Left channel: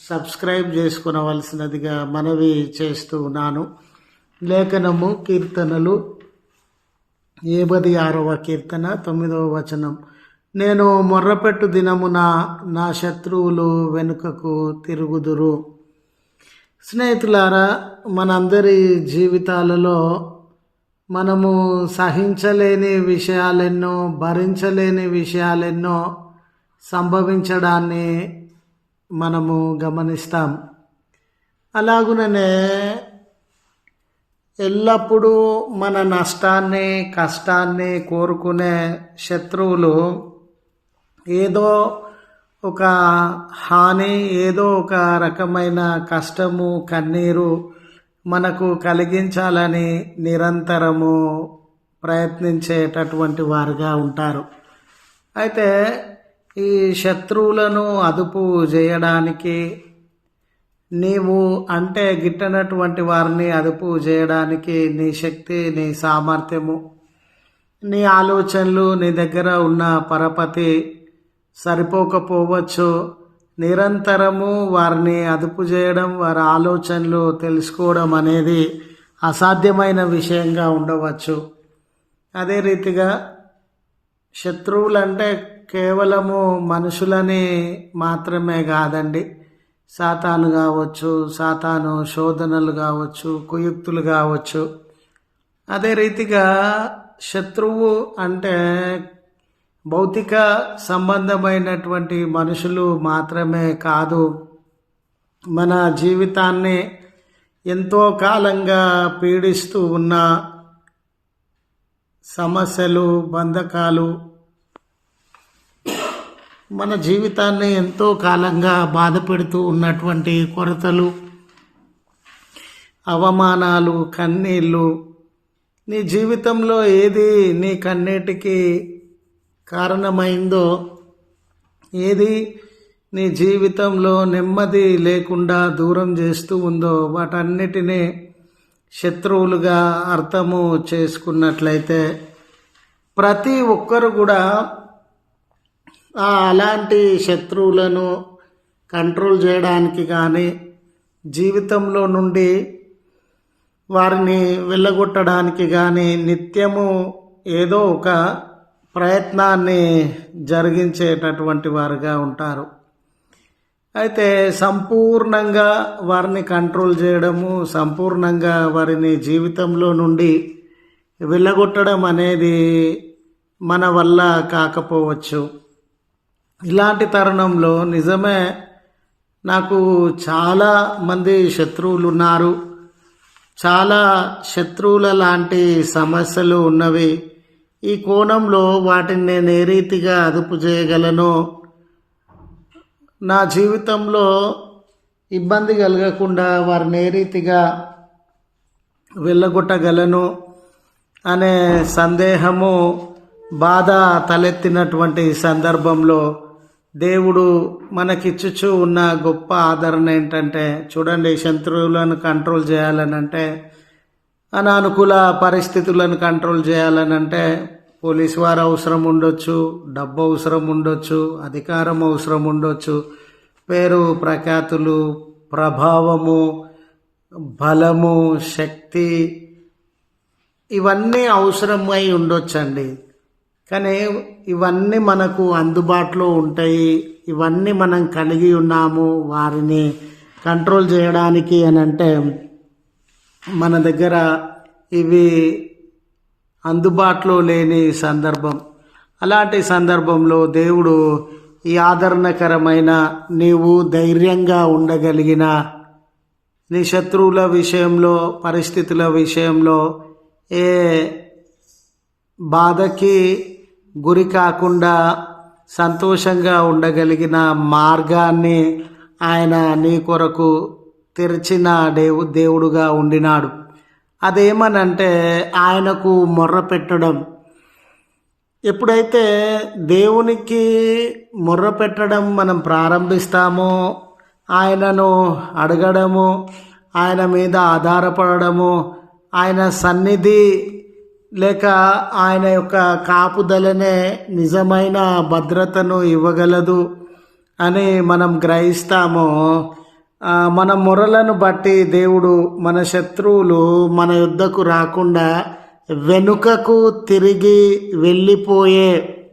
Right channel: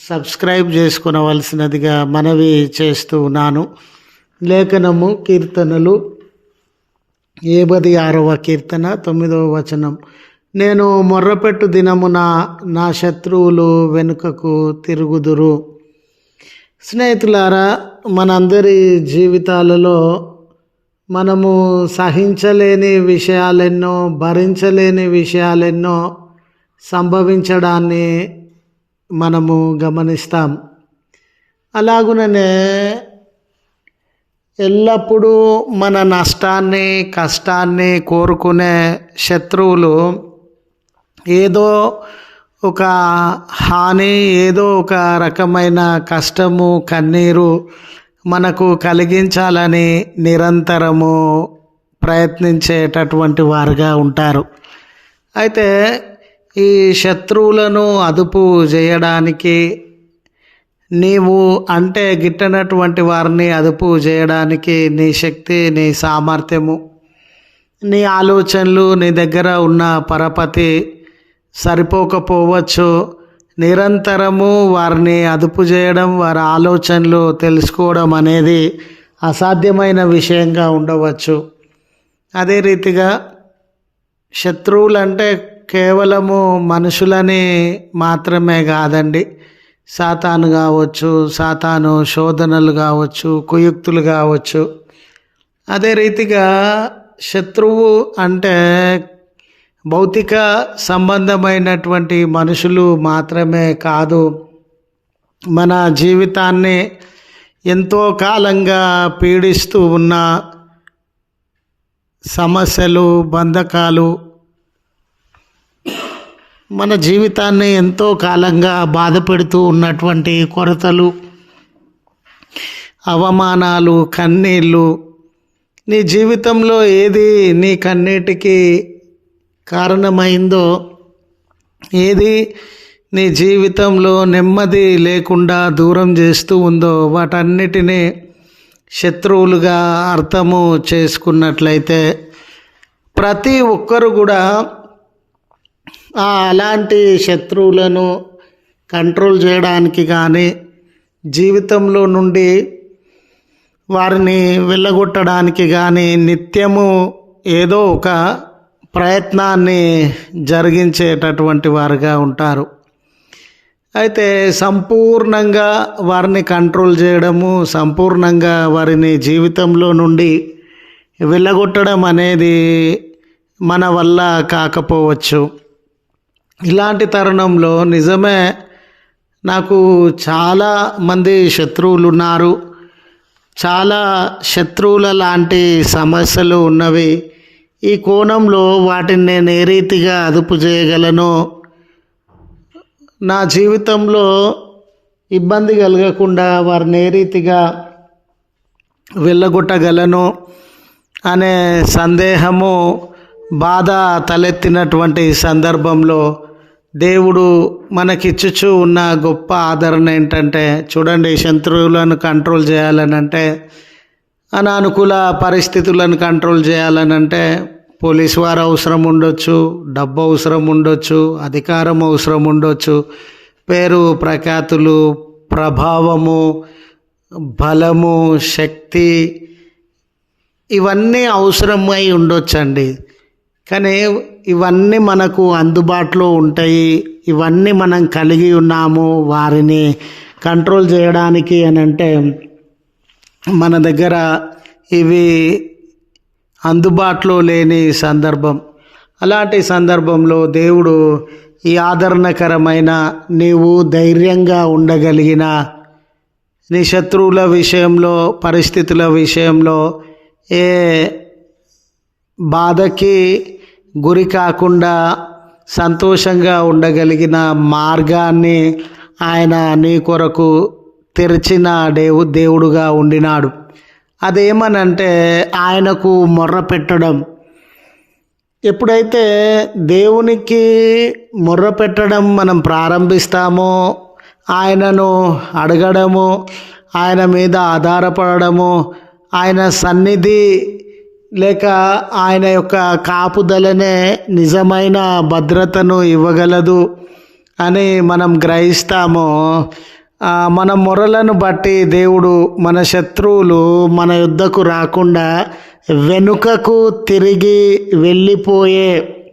Subscribe చేసుకునవలసినదిగా మనవి చేస్తూ ఉన్నాను. లేఖనము కీర్తనలు. ఏబది ఆరవ కీర్తన తొమ్మిదవ వచనం. నేను మొర్రపెట్టు దినమున నా శత్రువులు వెనుకకు తిరుగుదురు. స్నేహితులారా మనందరి జీవితాలలో మనము సహించలేని విషయాలెన్నో భరించలేని విషయాలెన్నో సంభవించడాన్ని మనము గమనిస్తాం. అలాగుననే ఎల్లప్పుడూ మన నష్టాన్ని కష్టాన్ని కోరుకునే శత్రువులు ఏదో ఒక హాని ఏదో ఒక రకమైన కష్టము కన్నీరు మనకు కలిగించాలని నిరంతరము ప్రయత్నించేటటువంటి వారుగా ఉంటారు. అయితే ఈ శత్రువులను అదుపు చేయడానికి నీవు అంటే గిట్టనటువంటి వారిని అదుపు చేయడానికి నీ శక్తి నీ సామర్థ్యము నీ ఆలోచనలు నీ దగ్గర ఉన్న పరపతి సరిపోకపోవచ్చు. నిరంతరము వారిని అదుపు చేయడం వారి ఆలోచనలు తెలుసుకోవడం అనేది అసాధ్యమైన విషయంగా ఉండవచ్చు. అదే రీతిగా శత్రువులంటే కేవలము మనుషులని మాత్రమే కాదండి. సాతాను కావచ్చు సాతాను శోధనలు కావచ్చు కుయుక్తులు కావచ్చు. అదే రీతిగా శత్రువు అంటే భౌతిక సంబంధమైనటువంటి మనుషులు మాత్రమే కాదు. మన జీవితాన్ని ఎంతో కాలంగా పీడిస్తూ ఉన్న సమస్యలు బంధకాలు మన జీవితాన్ని ఎంతో కాలంగా బాధపెడుతూ ఉన్నటువంటి కొరతలు అవమానాలు కన్నీళ్ళు నీ జీవితంలో ఏది నీ కన్నీటికి కారణమైందో ఏది నీ జీవితంలో నెమ్మది లేకుండా దూరం చేస్తూ ఉందో వాటన్నిటినీ శత్రువులుగా అర్థము చేసుకున్నట్లయితే ప్రతి ఒక్కరు కూడా అలాంటి శత్రువులను కంట్రోల్ చేయడానికి కానీ జీవితంలో నుండి వారిని వెళ్ళగొట్టడానికి కానీ నిత్యము ఏదో ఒక ప్రయత్నాన్ని జరిగించేటటువంటి వారుగా ఉంటారు. అయితే సంపూర్ణంగా వారిని కంట్రోల్ చేయడము సంపూర్ణంగా వారిని జీవితంలో నుండి వెళ్ళగొట్టడం అనేది మన వల్ల కాకపోవచ్చు. ఇలాంటి తరుణంలో నిజమే నాకు చాలా మంది శత్రువులు ఉన్నారు చాలా శత్రువుల లాంటి సమస్యలు ఉన్నవి. ఈ కోణంలో వాటిని నేను ఏ రీతిగా అదుపు చేయగలను? నా జీవితంలో ఇబ్బంది కలగకుండా వారిని ఏ రీతిగా వెళ్ళగొట్టగలను అనే సందేహము బాధ తలెత్తినటువంటి సందర్భంలో దేవుడు మనకిచ్చుచూ ఉన్న గొప్ప ఆదరణ ఏంటంటే చూడండి శత్రువులను కంట్రోల్ చేయాలనంటే అనానుకూల పరిస్థితులను కంట్రోల్ చేయాలనంటే పోలీస్ వారు అవసరం ఉండొచ్చు డబ్బు అవసరం ఉండొచ్చు అధికారం అవసరం ఉండొచ్చు పేరు ప్రఖ్యాతులు ప్రభావము బలము శక్తి ఇవన్నీ అవసరమై ఉండొచ్చండి. కానీ ఇవన్నీ మనకు అందుబాటులో ఉంటాయి. ఇవన్నీ మనం కలిగి ఉన్నాము వారిని కంట్రోల్ చేయడానికి అని అంటే మన దగ్గర ఇవి అందుబాటులో లేని సందర్భం. అలాంటి సందర్భంలో దేవుడు ఈ ఆదరణకరమైన నీవు ధైర్యంగా ఉండగలిగిన నీ శత్రువుల విషయంలో పరిస్థితుల విషయంలో ఏ బాధకి గురి కాకుండా సంతోషంగా ఉండగలిగిన మార్గాన్ని ఆయన నీ కొరకు తెరిచిన దేవు దేవుడుగా ఉండినాడు. అదేమనంటే ఆయనకు మొర్ర పెట్టడం. ఎప్పుడైతే దేవునికి మొర్ర పెట్టడం మనం ప్రారంభిస్తామో ఆయనను అడగడము ఆయన మీద ఆధారపడము ఆయన సన్నిధి లేక ఆయన యొక్క కాపుదలనే నిజమైన భద్రతను ఇవ్వగలదు అని మనం గ్రహిస్తాము. మన మొరలను బట్టి దేవుడు మన శత్రువులు మన యుద్ధకు రాకుండా వెనుకకు తిరిగి వెళ్ళిపోయే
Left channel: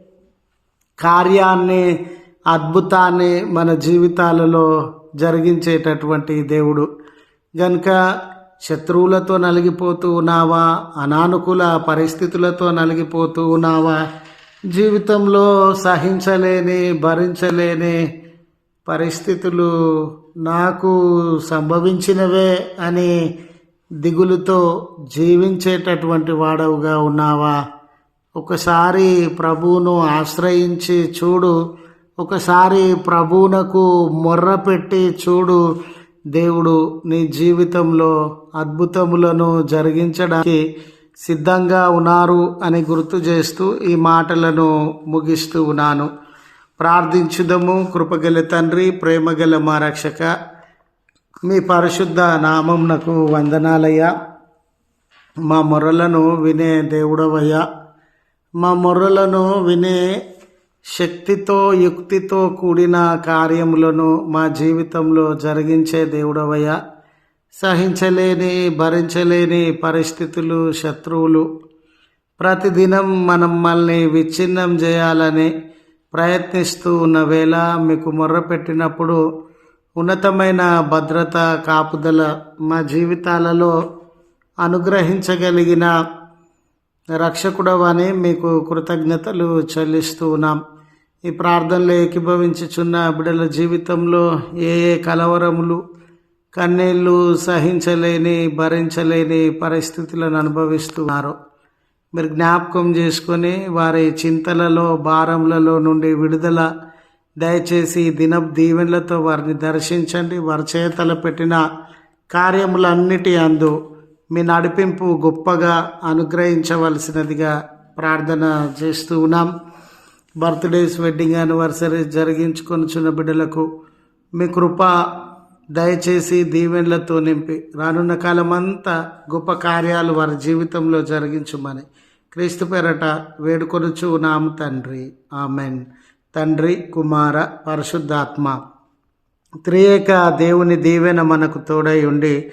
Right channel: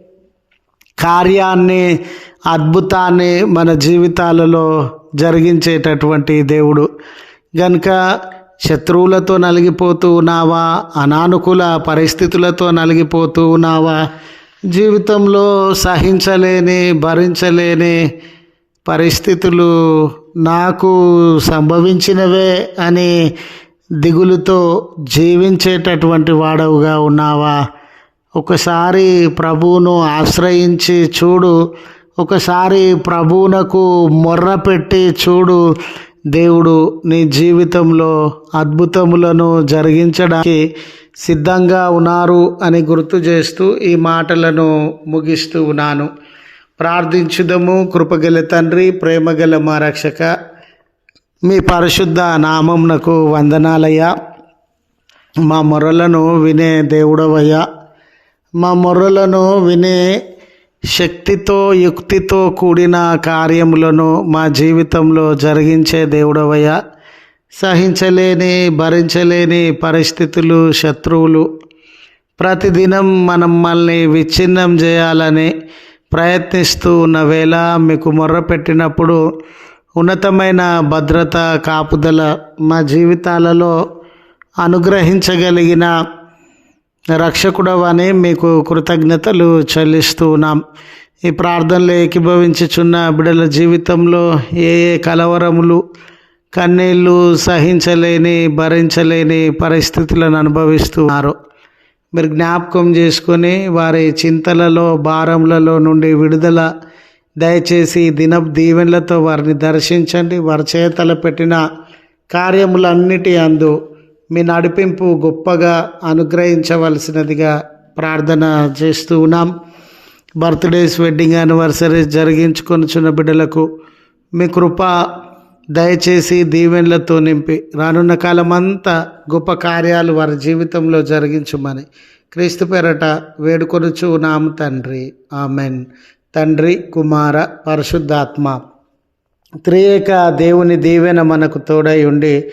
కార్యాన్ని అద్భుతాన్ని మన జీవితాలలో జరిగించేటటువంటి దేవుడు. గనుక శత్రువులతో నలిగిపోతూ ఉన్నావా? అనానుకూల పరిస్థితులతో నలిగిపోతూ ఉన్నావా? జీవితంలో సహించలేని భరించలేని పరిస్థితులు నాకు సంభవించినవే అని దిగులుతో జీవించేటటువంటి వాడవుగా ఉన్నావా? ఒకసారి ప్రభువును ఆశ్రయించి చూడు. ఒకసారి ప్రభువునకు మొర్ర పెట్టి చూడు. దేవుడు నీ జీవితంలో అద్భుతములను జరిగించడానికి సిద్ధంగా ఉన్నారు అని గుర్తు చేస్తూ ఈ మాటలను ముగిస్తూ ఉన్నాను. ప్రార్థించుదము. కృపగల తండ్రి ప్రేమగల మా రక్షక మీ పరిశుద్ధ నామంనకు వందనాలయ్యా. మా మొరలను వినే దేవుడవయ్యా. మా మొర్రలను వినే శక్తితో యుక్తితో కూడిన కార్యములను మా జీవితంలో జరిగించే దేవుడవయ్యా. సహించలేని భరించలేని పరిస్థితులు శత్రువులు. ప్రతిదినం మనం మనల్ని విచ్ఛిన్నం చేయాలని ప్రయత్నిస్తూ ఉన్న వేళ మీకు మొర్ర పెట్టినప్పుడు ఉన్నతమైన భద్రత కాపుదల మా జీవితాలలో అనుగ్రహించగలిగిన రక్షకుడవని మీకు కృతజ్ఞతలు చెల్లిస్తూ ఉన్నాం. ఈ ప్రార్థనలు ఏకీభవించుచున్న బిడ్డల జీవితంలో ఏ ఏ కలవరములు కన్నీళ్ళు సహించలేని భరించలేని పరిస్థితులను అనుభవిస్తున్నారు మీరు జ్ఞాపకం చేసుకొని వారి చింతలలో భారములలో నుండి విడుదల దయచేసి దిన దీవెనలతో వారిని దర్శించండి. వారి చేతల పెట్టిన కార్యములన్నిటి అందు మీ నడిపింపు గొప్పగా అనుగ్రహించవలసినదిగా ప్రార్థన చేస్తూ ఉన్నాం. బర్త్డేస్ వెడ్డింగ్ యానివర్సరీస్ జరిగించుకొనిచున్న బిడ్డలకు మీ కృప దయచేసి దీవెనలతో నింపి రానున్న కాలం అంతా గొప్ప కార్యాలు వారి జీవితంలో జరిగించుమని క్రీస్తు పేరట వేడుకొనుచు నామ తండ్రి. ఆమెన్. తండ్రి కుమార పరిశుద్ధాత్మ త్రియేక దేవుని దీవెన మనకు తోడై ఉండి